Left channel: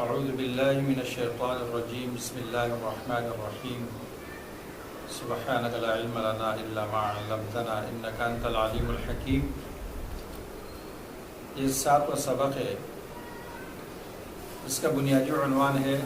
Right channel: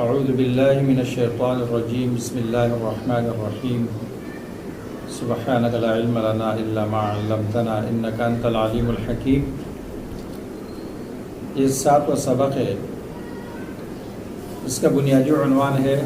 اعوذ باللہ من الشیطان الرجیم بسم اللہ الرحمن الرحیم سبحانک لا علم لنا الا ما علمتنا انک انت العلیم الحکیم۔ یہ 7واں سبق ہے، اس کا بنیادی عنوان ہے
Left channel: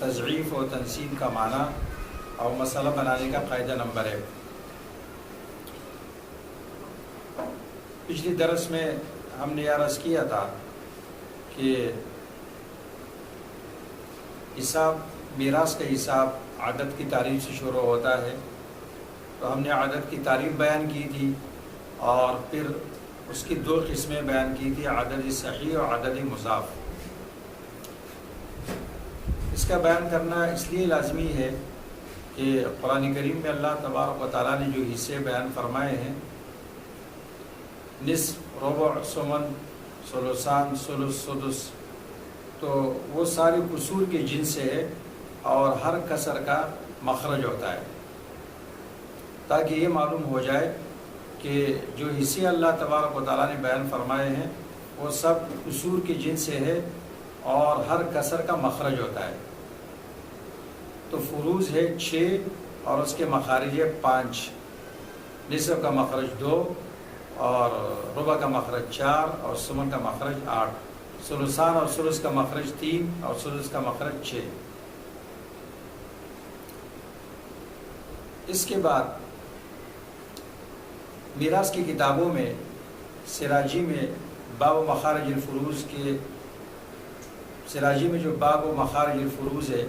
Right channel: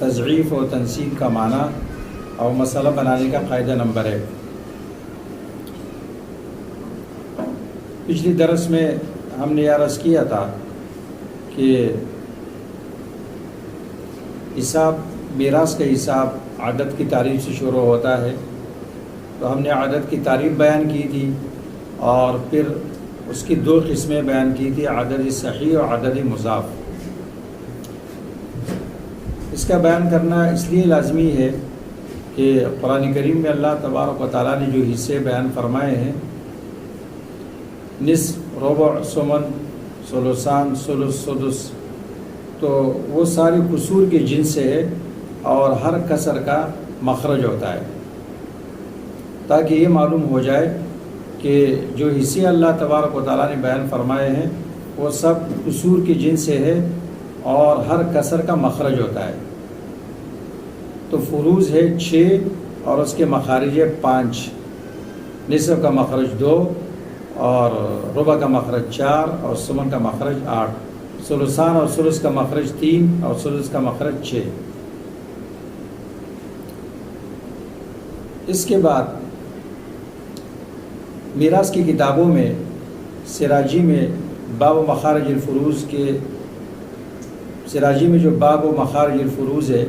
تضعیف و تنصیب کا معنی اور مسئلہ بنانے کا قاعدہ نمبر 1۔ پچھلی درس میں ہم نے یہ عرض کیا تھا کہ حساب میراث کا حساب عدد کی تعریف سے شروع ہوتا ہے، تو ہم نے عدد کی تعریف بیان کی تھی اور پھر اس کی 2 قسمیں بیان کی تھی، عدد صحیح اور عدد مضاف۔ اس کا بیان کرنا اس لیے لازمی ہے کہ قرآن کریم میں اللہ تبارک و تعالیٰ نے جو حصے بیان فرمائے ہیں، نصف، ربع، ثمن، ثلثان، ثلث، سدس، تو وہ ساری قصور کے جنس سے ہے اور ہر کسر کا مخرج ہوتا ہے، تاکہ یہ معلوم ہو جائے کہ جو حصے اللہ تبارک و تعالیٰ نے بیان فرمائے ہیں وہ سب قصور کے جنس سے ہے اور ہر کسر کا مخرج ہوتا ہے۔ تو فروض ہے 6 اور اس کے مخارج ہے 5، نصف کا مخرج 2 اور ربع کا مخرج 4 اور ثمن کا مخرج 8، ثلثان اور ثلث کا مخرج 3 اور ثلث کا مخرج 6۔ اس کے بعد میراث کی کتابوں میں سراجی میں باب و مخارج الفروض کے سراجی میں جو باب و مخارج الفروض ہے،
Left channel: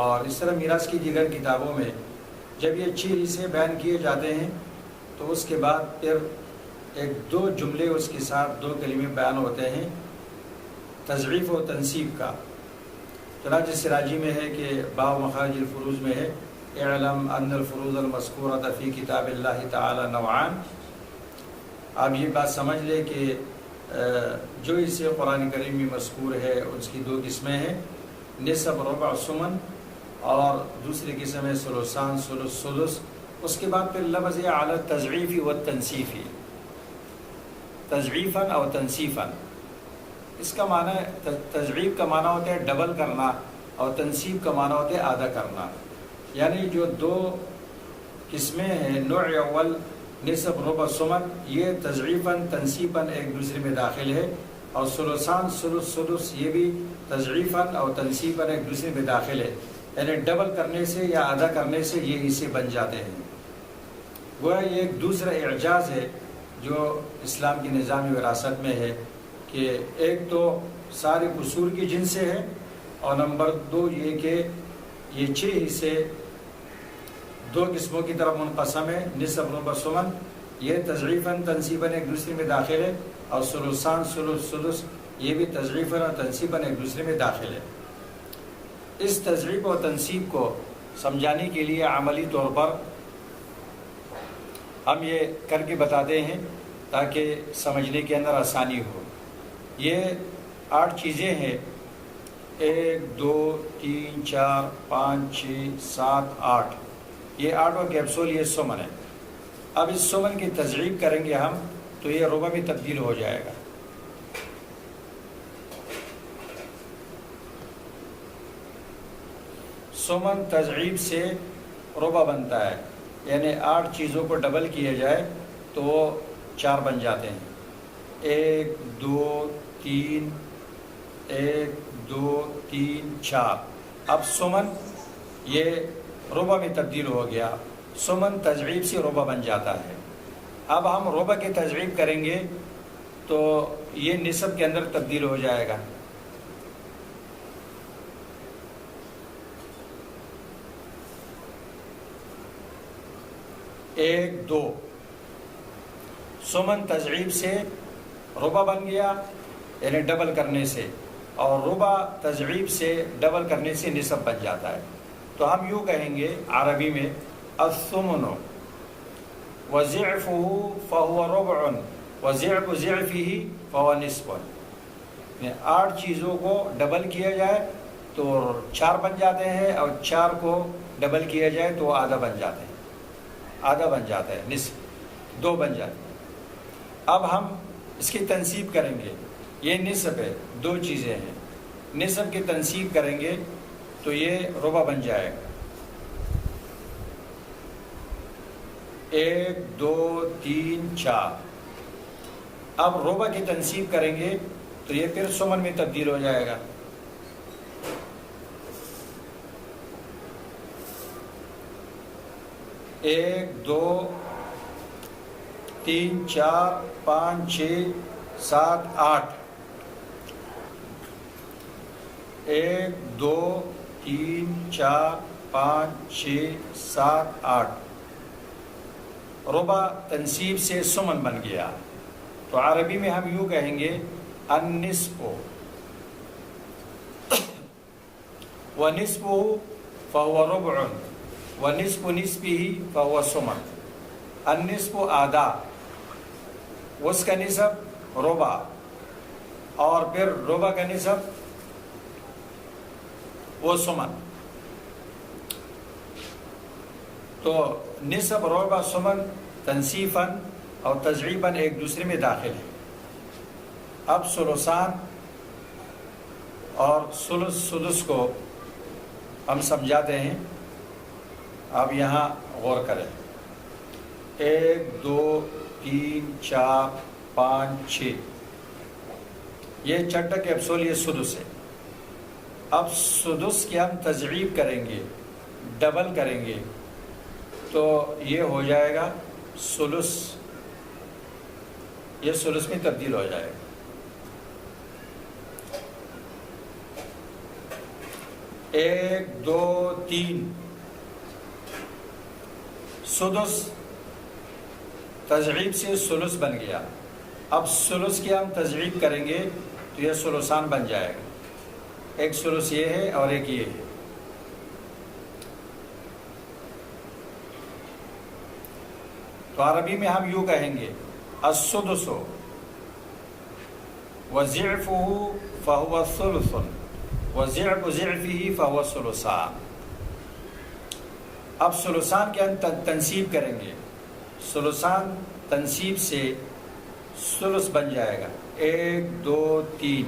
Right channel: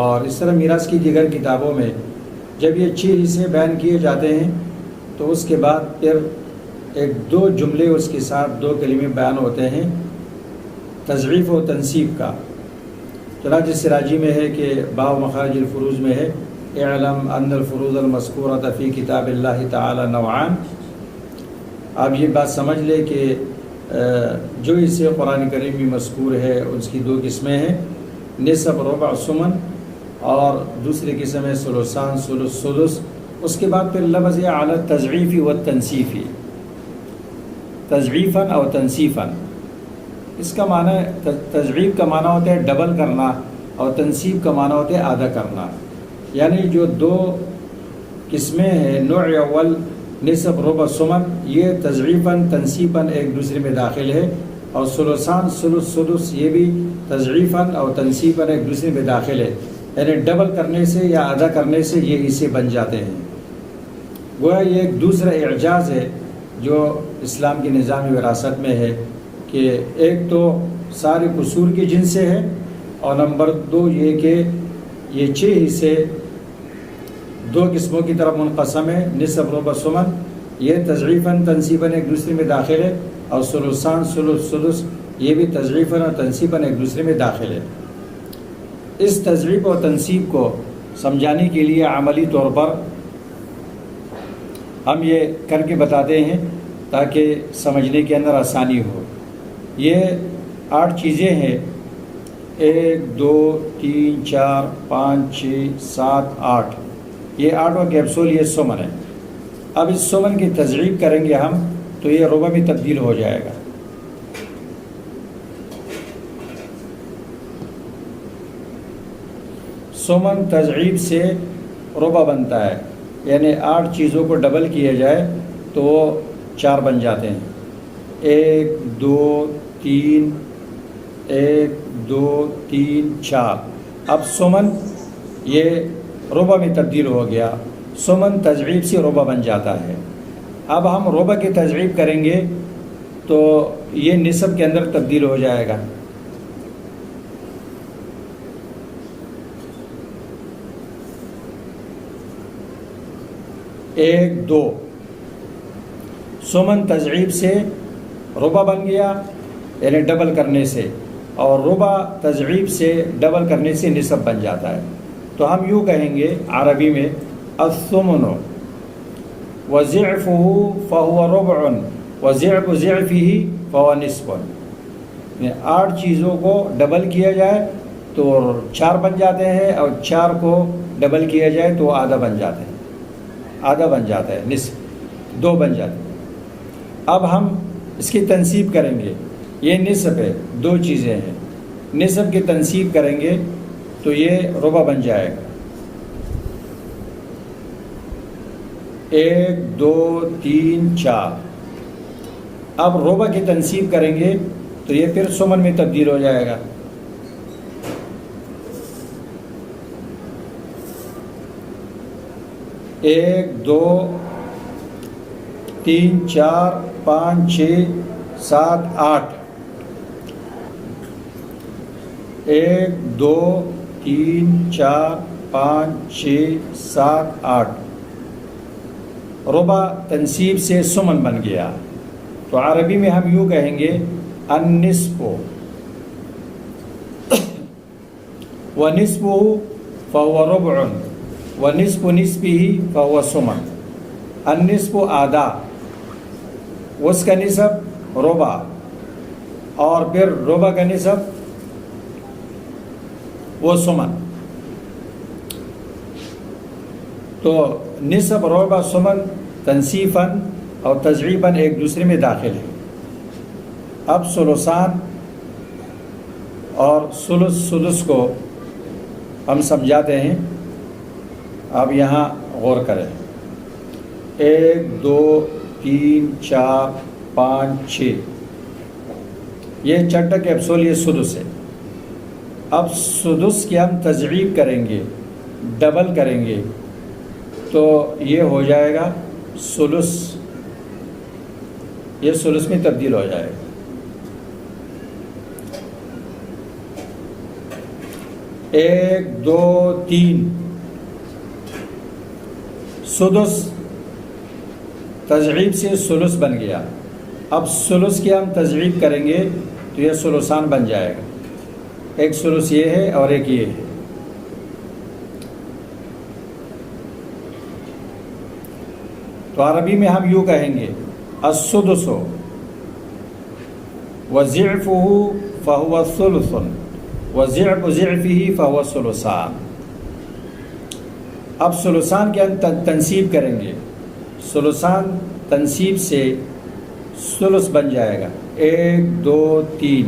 اور اس طرح میراث کی دیگر کتابوں میں جب یہ 6 حصے بیان کیے جاتے ہیں تو اس کے بعد پھر 1-2 جملے اس کے ساتھ 2 کلمے بیان ہوتے ہیں تضعیف و تنصیب کا۔ چنانچہ سراجی میں ہے کہ باب مخارج الفروض میں ہے اعلم ان الفروض المذکورۃ فی کتاب اللہ تعالی نوعان۔ آپ یہ بات سمجھ لیں کہ جو حصے قرآن کریم میں مذکور ہے اس کی 2 قسمیں ہیں، نصف، ربع، ثمن، اور دوسری قسم ہے ثلثان، ثلث، سدس۔ اس کے بعد پھر لفظ ہے علی التضعیف والتنصیف، تضعیفاً اور تنصیفاً۔ اس کا معنی تضعیف کا معنی ہوتا ہے ڈبل کرنا اور تنصیب کا معنی ہوتا ہے آدھا کرنا، یعنی جو 2 قسمیں ہیں، نوع اول نصف، ربع، ثمن، یہ تضعیفاً تنصیباً ایک دوسرے میں داخل ہے، اور ثلثان، ثلث، سدس یہ بھی تضعیفاً اور تنصیباً ایک دوسرے میں داخل ہے، یعنی ڈبل کرنے سے یا آدھا کرنے سے یہ حصے بن جاتے ہیں۔ گویا یہ ایک دوسرا اعجاز ہے جو اسلام کی نظام وراثت میں ہے کہ ایک تو سارے قصور کے جنس سے ہے، اور نمبر 2 یہ کہ یہ 6 حصے 2 قسموں کی طرف منقسم ہے، نصف، ربع، ثمن، یہ تضعیفاً تنصیباً ایک دوسرے میں داخل ہے، اور ثلثان، ثلث، سدس یہ بھی تضعیفاً اور تنصیباً ایک دوسرے میں داخل ہے۔ اس تضعیف اور تنصیب کو سمجھانے کے لیے عملی طور پر ہم یہ کر کے بتاتے ہیں تاکہ سمجھنے کے اندر آسانی ہو۔ یہ 8 چیزیں ہیں، 1 2 3 4 5 6 7 8، یہ 8واں کیپسول یہ ثمن ہے۔ اب اس ثمن کی تضعیف کریں گے ہم تو یہ ربع میں تبدیل ہو جائے گا۔ ثمن تضعیف سے ربع بنتا ہے، یعنی 8 چیزوں کو ڈبل کیا جائے تو وہ 4 بن جاتے ہیں، 1 2 3 1 2 3 4۔ اب ثمن یہ ربع میں تبدیل ہو گیا، ثمن تضعیف سے ربع بن جاتا ہے۔ اب ہم ربع کی تضعیف کریں گے تو یہ نصف کے اندر تبدیل ہو جائے گا۔ ایک 2 ثمن تضعیف سے ربع بن گیا، یعنی ڈبل کرنے سے، اور ربع تضعیف سے ڈبل کرنے سے نصف بن جاتا ہے۔ تو ہم یوں کہیں گے عربی میں الثمن وضعفه فهو ربع وضعف ضعفه فهو نصف، یعنی 8 چیزوں کو ڈبل کیا جائے تو 4 بن جاتے ہیں، اور 4 کو ڈبل کیا جائے تو آدھا بن جاتے ہیں، آدھا بن جاتا ہے، نصف 2 بن جاتے ہیں۔ اب ہم اس کی تنصیب کریں گے، یہ نصف ہے، 2 چیزیں ہیں، نصف کی تنصیب کریں گے تو یہ ربع بن جائے گا. 1 2 3 4. اب ربع کی تنصیب کریں گے تو یہ پھر سمن میں تبدیل ہو جائے گا. 1 2 3 4 5 6 7 8. 1 2 3 4 5 6 7 8. ربع تنصیب سے سمن بن گیا. تو عربی میں ہم یوں کہیں گے النصف ونصفه فهو ربع ونصف نصفه فهو سمن. النصف آدھا، اس کا نصف ربع، اور پھر ربع کا نصف وہ سمن. تو نصف ربع سمن تنصیفاً اور تضعیفاً ایک دوسرے میں داخل ہے. اب ثلثان اور ثلث سدس کو ہم سمجھاتے ہیں. اب یہاں غور کریں. 1 2 3 4 5 6. یہ چٹا کیپسول، یہ سدس ہے. اب سدس کی ہم تضعیف کریں گے، ڈبل کریں گے، تو یہ ہو جائے گا ثلث. یہ ثلث میں تبدیل ہو جائے گا. 1 2 3. سدس تضعیف سے ثلث بن گیا. اب ثلث کی ہم تضعیف کریں گے تو یہ ثلثان بن جائے گا. ایک ثلث یہ ہے اور ایک یہ ہے. تو عربی میں ہم یوں کہیں گے السدس وضعفه فهو ثلث وضعف ضعفه فهو ثلثان. اب ثلثان کے ہم تنصیب کریں گے. ثلثان تنصیب سے ثلث بن جائے گا. 1 2 3.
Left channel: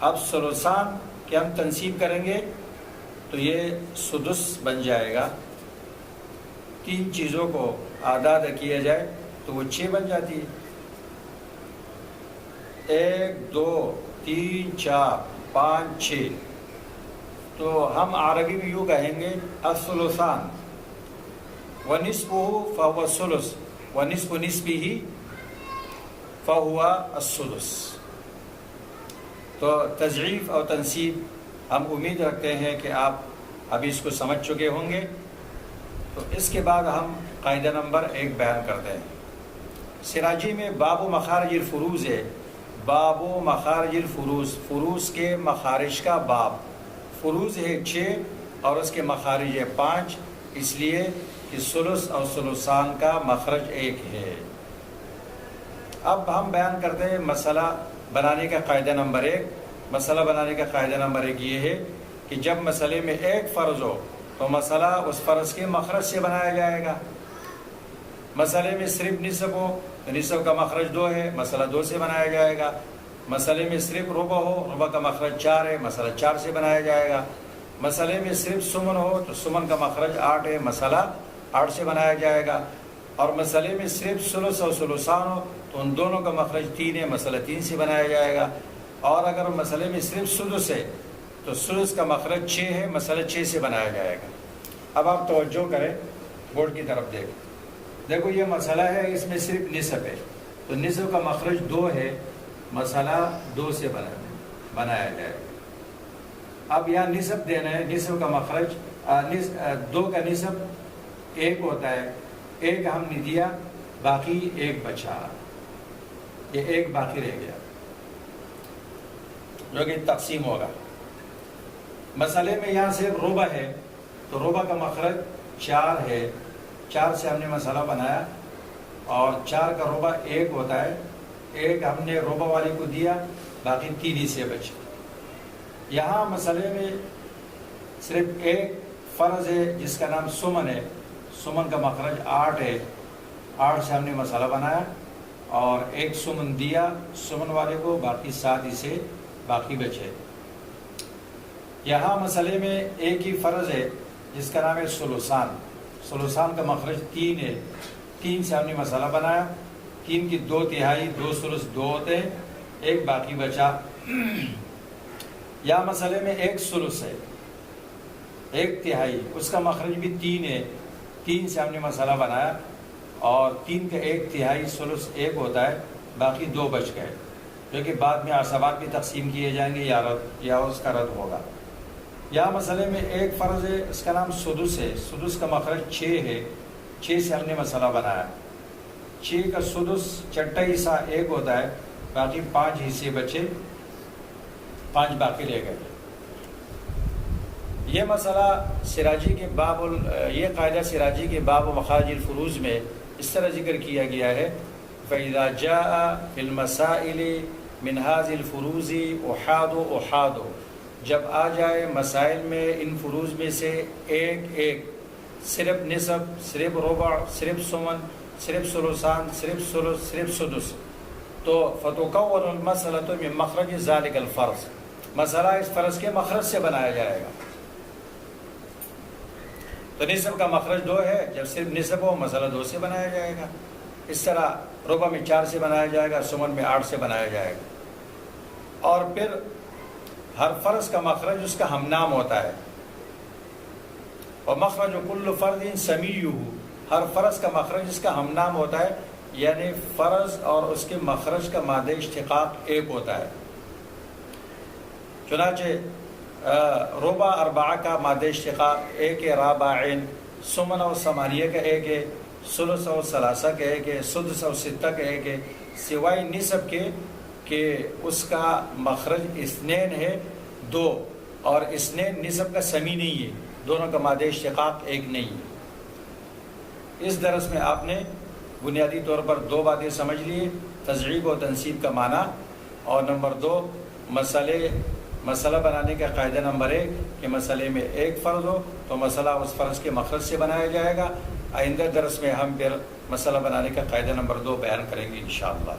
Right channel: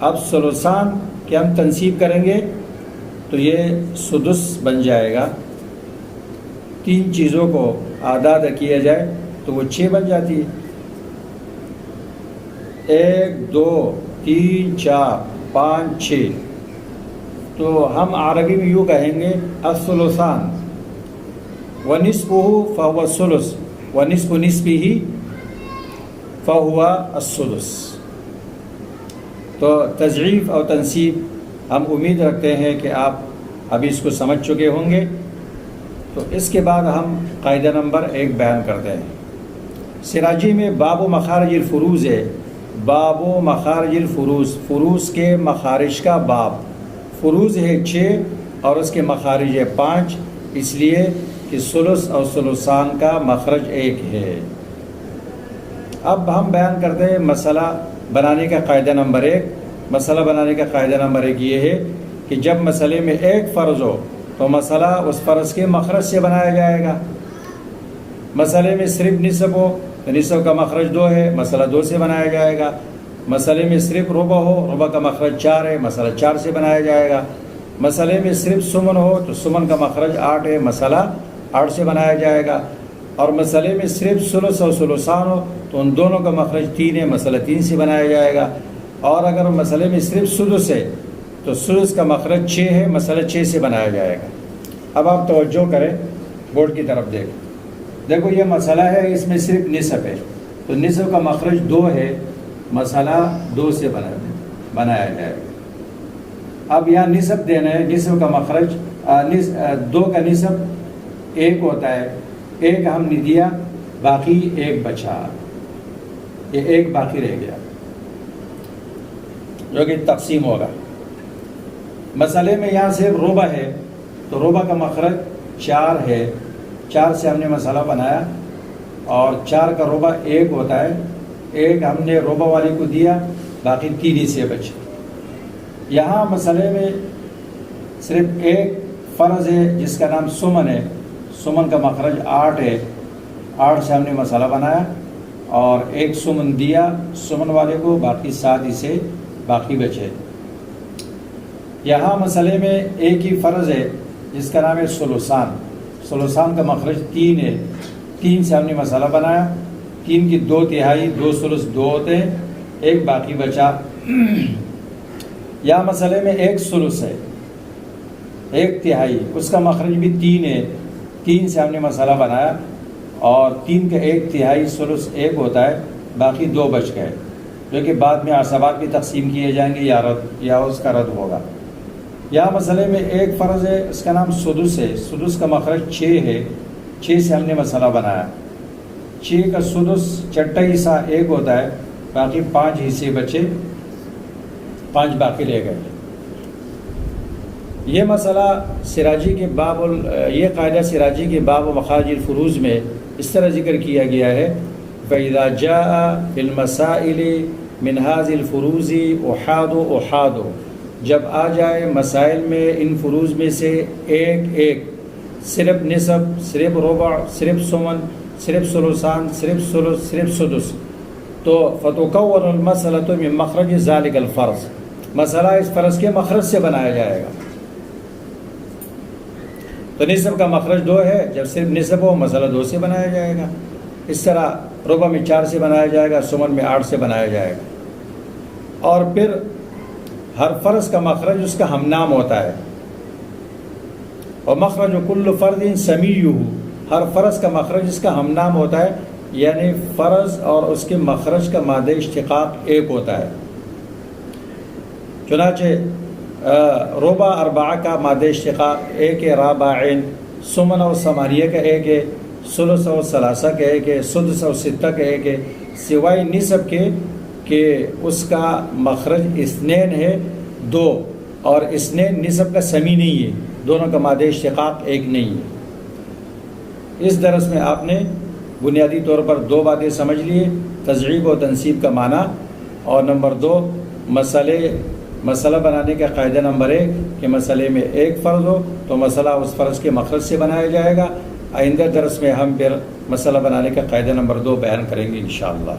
اب ثلثان کے ہم تنصیب کریں گے تو یہ سدس بن جائے گا. 3 چیزوں کو آدھا کیا جائے تو وہ 6 بن جاتی ہے. 1 2 3 4 5 6. تو ہم عربی میں یوں کہیں گے الثلثان ونصفه فهو الثلث ونصف نصفه فهو الثلث. تو تضعیف اور تنصیب ہم امید رکھتے ہیں کہ آپ ابھی اس کو سمجھ چکے ہوں گے. تو اس کے بعد ہم قاعدہ نمبر 1 بیان کرتے ہیں. سراجی میں باب مخارج الفروز ہے. باب مخارج الفروز، فروز کے مخارج کا باب. فروز ہے 6 اور اس کے مخارج ہے 5، اس لیے کہ ثلث اور ثلثان کا مخرج 1 ہے. اب ہم بیان کرتے ہیں مسئلہ بنانے کا قاعدہ نمبر 1. مسئلہ بنانے کا قاعدہ نمبر 1 یہ ہے کہ جب مسئلے میں ایک فرض ہو تو مسئلہ اس فرض کے مخرج سے بنایا جائے گا. مسئلے میں صرف نصف ہو تو نصف کا مخرج 2 ہے، مسئلہ 2 سے بنایا جائے گا. مسئلے میں صرف ربع ہو، ربع کا مخرج 4 ہے، مسئلہ 4 سے بنایا جائے گا. مسئلے میں صرف سمن ہو تو سمن کا مخرج 8 ہے، مسئلہ 8 سے بنایا جائے گا. اور مسئلے میں صرف ثلث اور ثلثان ہو تو ان دونوں کا مخرج 3 ہے، مسئلہ 3 سے بنایا جائے گا. اور اگر مسئلے میں صرف سدس ہے تو سدس کا مخرج 6 ہے، مسئلہ 6 سے بنایا جائے گا. اب آپ توجہ کریں، بورڈ کی طرف دیکھو یہ مسئلہ ہے، اس میں صرف نصف ہے تو نصف کا مخرج 2 ہے، مسئلہ 2 سے بنایا جائے گا. اب یہاں نصف دینا ہے، نصف کا مخرج 2 کا نصف 1 ہوتا ہے. 1 ہم نے دیا، باقی 1 بچا، یہ 1 باقی رہ گیا جو کہ تقسیم ہوگا. مسئلے میں یہاں صرف ربع ہے تو ربع کا مخرج 4 ہے، 4 سے ہم نے مسئلہ بنایا اور 4 کا ربع 1 ہوتا ہے. 1 ہم نے ربع والے کو دیا، باقی 3 ہی سے بچے. یہاں مسئلے میں صرف 1 فرض ہے جس کا نام سمن ہے. سمن کا مخرج 8 ہے، 8 سے ہم نے مسئلہ بنایا اور 1 سمن دیا سمن والے کو، باقی 7 ہی سے باقی بچے. یہاں مسئلے میں ایک ہی فرض ہے جس کا نام ہے ثلثان. ثلثان کا مخرج 3 ہے. 3 سے ہم نے مسئلہ بنایا. 3 کی 2/3 2 ثلث 2 ہوتے ہیں، ایک باقی بچا. یا مسئلے میں ایک ثلث ہے 1/3، اس کا مخرج بھی 3 ہے. 3 سے ہم نے مسئلہ بنایا اور 3 کا 1/3 ثلث 1 ہوتا ہے، باقی 2 بچ گئے جو کہ بعد میں عصبات بھی تقسیم کیے جائیں گے یا اس کا رد ہوگا. یہاں مسئلے میں ایک فرض ہے، اس کا نام سدس ہے. سدس کا مخرج 6 ہے. 6 سے ہم نے مسئلہ بنایا. 6 کا سدس چھٹا حصہ 1 ہوتا ہے، باقی 5 حصے بچے، 5 باقی رہ گئے. یہ مسئلہ سراجی کے یہ قاعدہ سراجی کے باب مخارج الفروض میں اس طرح ذکر کیا گیا ہے: فَإِذَا جَاءَ فِي الْمَسَائِلِ مِنْ هَذِهِ الْفُرُوضِ أُحَادُ جب آ جائے مسائل میں ان فروض میں سے ایک صرف نصف، صرف ربع، صرف ثمن، صرف ثلثان، صرف ثلث، صرف سدس، تو فَتُكَوَّنُ الْمَسْأَلَةُ مِنْ مَخْرَجِ ذَلِكَ الْفَرْضِ مسئلہ اس فرض کے مخرج سے بنایا جائے گا. تو نصف کا مخرج 2 ہے، جب صرف نصف ہو مسئلہ 2 سے بنایا جائے گا. اس طرح ربع میں 4 سے بنایا جائے گا، ثمن میں 8 سے بنایا جائے گا. اور پھر ہر فرض کا مخرج اس کا ہم نام ہوتا ہے. اور مخرج کل فرد سمیع، ہر فرض کا مخرج اس کا ہم نام ہوتا ہے، یعنی فرض اور اس کے مخرج کا مادہ اشتقاق ایک ہوتا ہے. چنانچہ ربع 4 کا مادہ اشتقاق ایک ہے، رابعین. ثمن اور ثمانیہ کا ایک ہے، ثلث اور ثلاثہ کا ایک ہے، سدس اور ستہ کا ایک ہے، سوائے نصف کے کہ اس کا مخرج اثنین ہے 2، اور اثنین نصف کا سمی نہیں ہے، دونوں کا مادہ اشتقاق ایک نہیں ہے. اس درس میں آپ نے بنیادی طور پر 2 باتیں سمجھ لیے: تضعیف و تنصیب کا معنی، اور نمبر 2 مسئلہ بنانے کا قاعدہ نمبر 1 کہ مسئلے میں ایک فرض ہو تو مسئلہ اس فرض کے مخرج سے بنایا جائے گا. آئندہ درس میں ہم پھر مسئلہ بنانے کا قاعدہ نمبر 2 بیان کریں گے انشاءاللہ.